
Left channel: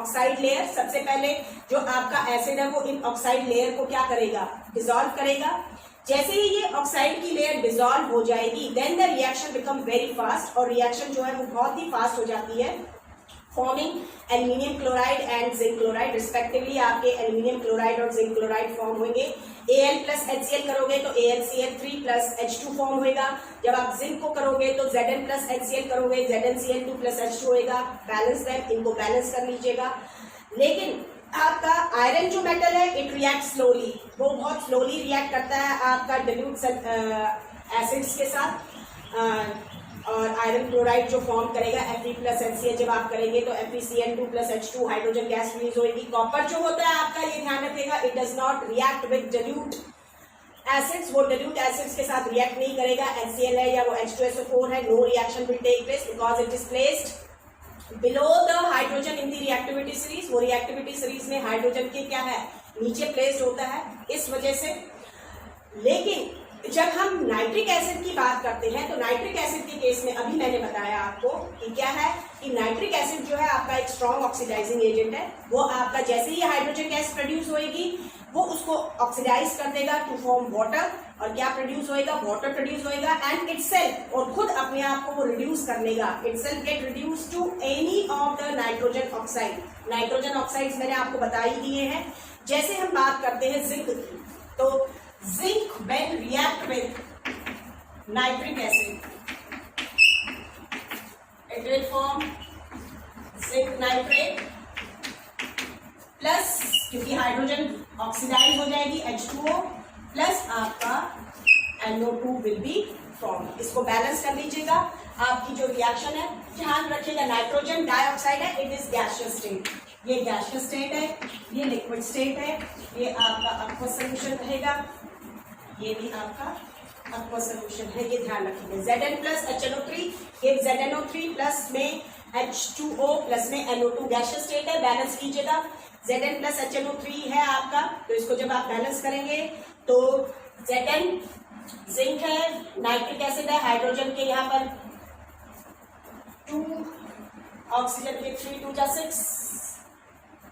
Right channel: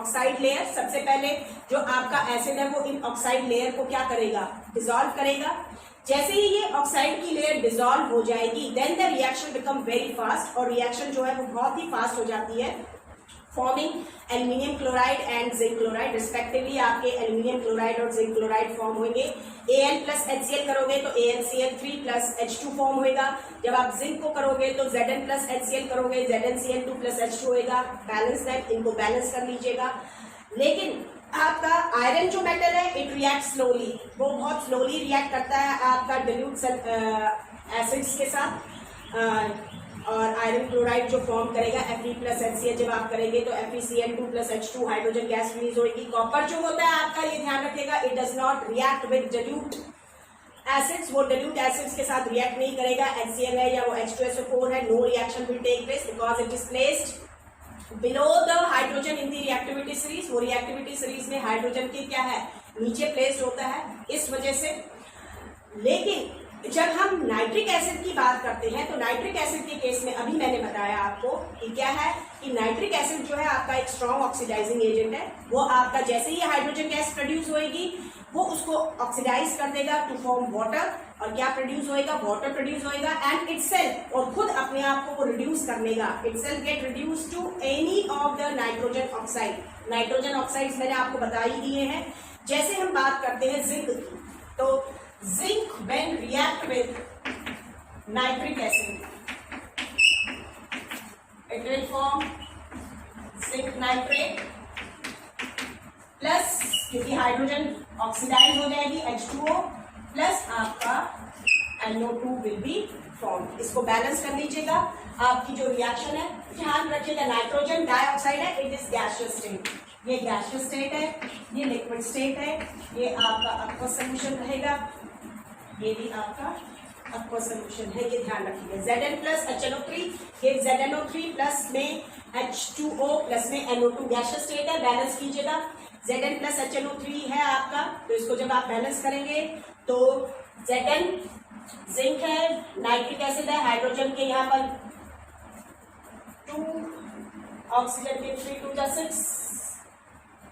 oxide layer। सबसे पहले जो आपका एसिड है वो इन ऑक्साइड लेयर को क्या करेगा, डिसॉल्व करेगा। जैसे ही ये ऑक्साइड की लेयर डिसॉल्व हो जाएगी then the reaction become very fast, और रिएक्शन जो है वो बहुत ही फास्ट हो जाती है, forming aluminium chloride and zinc chloride respectively. आपके एल्यूमिनियम क्लोराइड और जिंक क्लोराइड फॉर्म होंगे। Al+HCl करोगे तो AlCl3+H2 फॉर्म होगा। जब आप जिंक को करोगे तो Zn+HCl करोगे, ZnCl2+H2 होगा। बैलेंस है, इनको बैलेंस कर लीजिएगा। लेकिन आपका आयरन जो मेटल है इट रिएक्ट स्लोली, वो बहुत स्लोली रिएक्ट करता है आपका डिल्यूट एसिड्स के साथ। और आयरन क्लोराइड जो फॉर्म करेगा Fe प्लस HCl जब आप करेंगे तो FeCl2 plus H2 hydrogen gas release होगी। कॉपर जो होता है आपका, ये ध्यान रखिएगा, it does not react with dilute acids, वो डिल्यूट एसिड्स के साथ रिएक्ट नहीं करेगा। HCl है या वो H2SO4 है, no reaction will take place because it is placed below the hydrogen in the reactivity series. वो रिएक्टिविटी सीरीज में हाइड्रोजन के क्या है, नीचे प्लेस्ड होता है, इस वजह से। लेकिन जब हम नाइट्रिक एसिड की बात करते हैं तो नाइट्रिक एसिड के केस में अभी मैंने बताया आपको कि क्या है कि नाइट्रिक एसिड जो है आपका एक स्ट्रॉन्ग ऑक्सीडाइजिंग एजेंट है। वो आपका जैसे ही हाइड्रोजन गैस प्रोड्यूस होएगी वो उसको ऑक्सीडाइज कर देगा टू फॉर्म वाटर, और क्या प्रोड्यूस होएगा, वाटर प्रोड्यूस होएगा एंड इटसेल्फ, और खुद अपने आप को वो रिड्यूस कर लेगा, itself get reduce to any of the nitrogen oxide. Nitrogen oxides मैंने आपको बता ही दिए हैं। जैसे हम बात करते हैं जिंक की, तो zinc when react with nitric acid it will form zinc nitrate plus, क्योंकि हाइड्रोजन ऑक्सीडाइज हो जाएगी H2O प्लस आपका NO2 विल बी फॉर्म। इसको बैलेंस कर लीजिएगा। आपकी जो रिएक्शन है, ध्यान रखिएगा, नाइट्रोजन डाइऑक्साइड है, इट इज गैसियस स्टेट, ये गैसियस स्टेट है, ये लिक्विड स्टेट है, ये आपका aqueous सॉल्यूशन रहेगा, ये भी आपका aqueous सॉल्यूशन है, ये ध्यान रखिएगा। Zn प्लस HNO3, ये ZNO3 प्लस में H2O प्लस में NO2 गैसियस स्टेट है, बैलेंस कीजिएगा। Zn प्लस HNO3 है आपका, तो इसको जब आप बैलेंस करेंगे तो Zn जिंक है, नाइट्रिक एसिड है, हाइड्रोजन के यहाँ पर 2, ऑक्सीजन के 3 2 6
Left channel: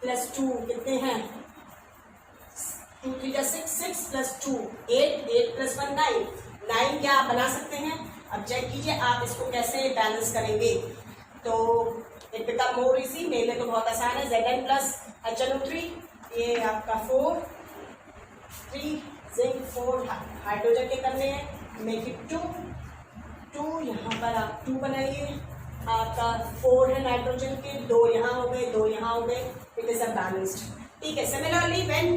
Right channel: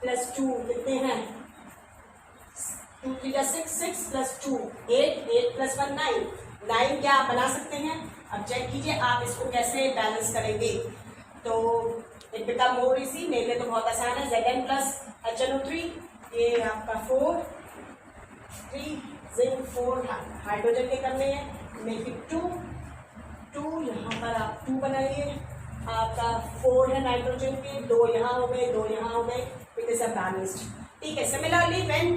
प्लस 2 कितने हैं, 2 3 6 6 प्लस 2 8 8 प्लस 1 9 9 क्या आप बना सकते हैं। अब चेक कीजिए आप इसको कैसे बैलेंस करेंगे, तो इट बिकम मोर इजी। मेरे लिए तो बहुत आसान है। Zn प्लस HNO3, ये आपका 4 3 जिंक 4 हाइड्रोजन के करने हैं, मेक इट 2 2, यहाँ पर आप 2 बनाइए, आपका 4 है नाइट्रोजन के, 2 यहाँ हो गए, 2 यहाँ हो गए, इट इज अ बैलेंस्ड। ठीक है। सिमिलरली व्हेन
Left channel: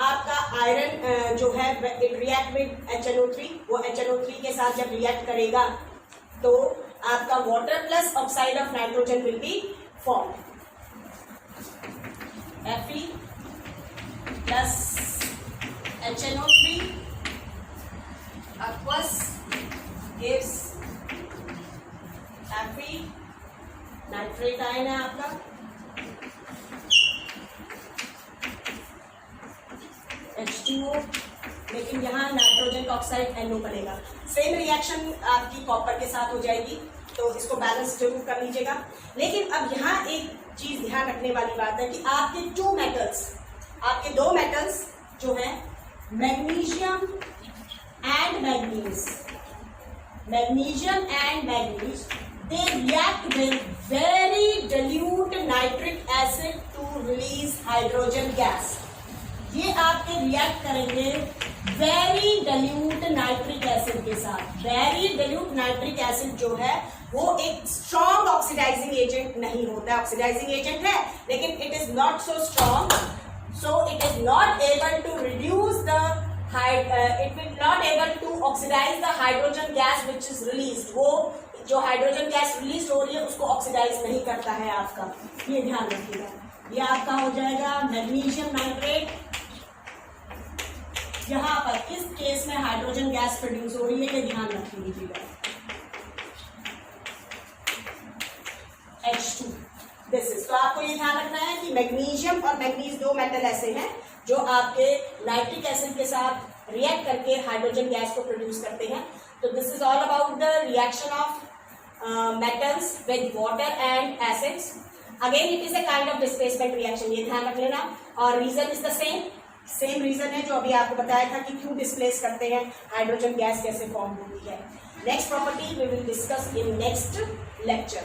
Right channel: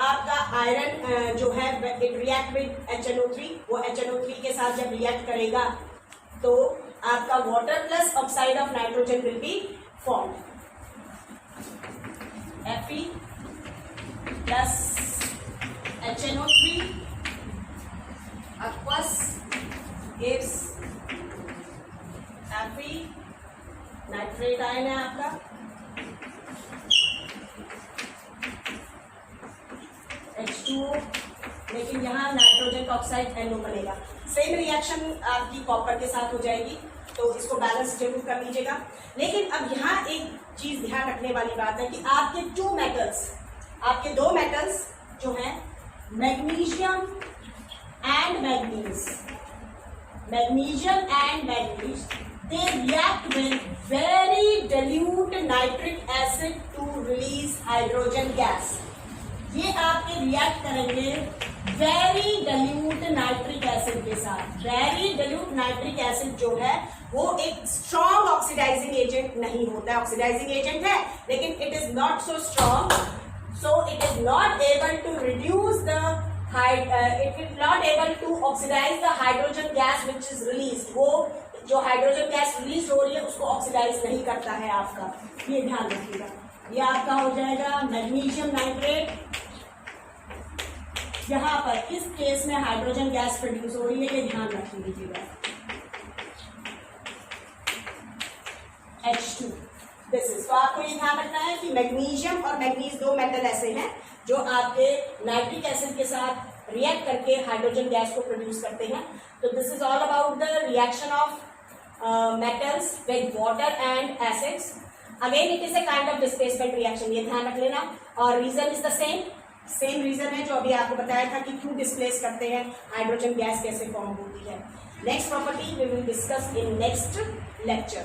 आपका आयरन जो है इट रिएक्ट विद HNO3, वो HNO3 के साथ जब रिएक्ट करेगा तो आपका water plus oxide of nitrogen will be form, Fe plus HNO3 aqueous gives Fe, nitrate ion है आपका, H2O, लेकिन यहाँ नाइट्रोजन ऑक्साइड NO बनेगा। सेम रिएक्शन आपकी कॉपर के साथ हो जाएगी, तो इसको बैलेंस जरूर कर लीजिएगा। लेकिन अब यहाँ एक चीज ध्यान रखने वाली बात है कि आपके 2 मेटल्स, आपके 2 मेटल्स जो हैं magnesium and manganese, magnesium and manganese, they react with very dilute nitric acid to release hydrogen gas। ये आपके रिएक्ट करेंगे वेरी dilute नाइट्रिक एसिड के साथ। वेरी dilute नाइट्रिक एसिड जो है वो एक स्ट्रॉन्ग ऑक्सीडाइजिंग एजेंट नहीं होता है, ऑक्सीडाइजिंग एजेंट है लेकिन it is not so strong, so it is not able to reduce the it will not able to oxidize the hydrogen gas which is released। वो जो हाइड्रोजन गैस रिलीज हो रही है उसको ऑक्सीडाइज नहीं करता है आपका, ये ध्यान रखिएगा। ये आपका हो जाएगा मैग्नीशियम नाइट्रेट, यहाँ पर इस केस में हाइड्रोजन गैस प्रोड्यूस हो रही है, ये ध्यान रख लीजिएगा। H2 दिस इज, तो आपको ये ध्यान रखना है कि मैग्नीशियम और मैग्नीज 2 मेटल ऐसे हैं जो आपके नाइट्रिक एसिड के साथ रिएक्ट करके हाइड्रोजन गैस को प्रोड्यूस करते हैं। तो this is all about the reaction of metals with water and acids। Again it is a kind of displacement reaction, ये ध्यान रख लेना। और reason is the same reason है जो अभी आपको बताया था कि क्यों डिस्प्लेस करते हैं, हाइड्रोजन गैस कैसे फॉर्म होती है। Next property we will discuss in next lecture.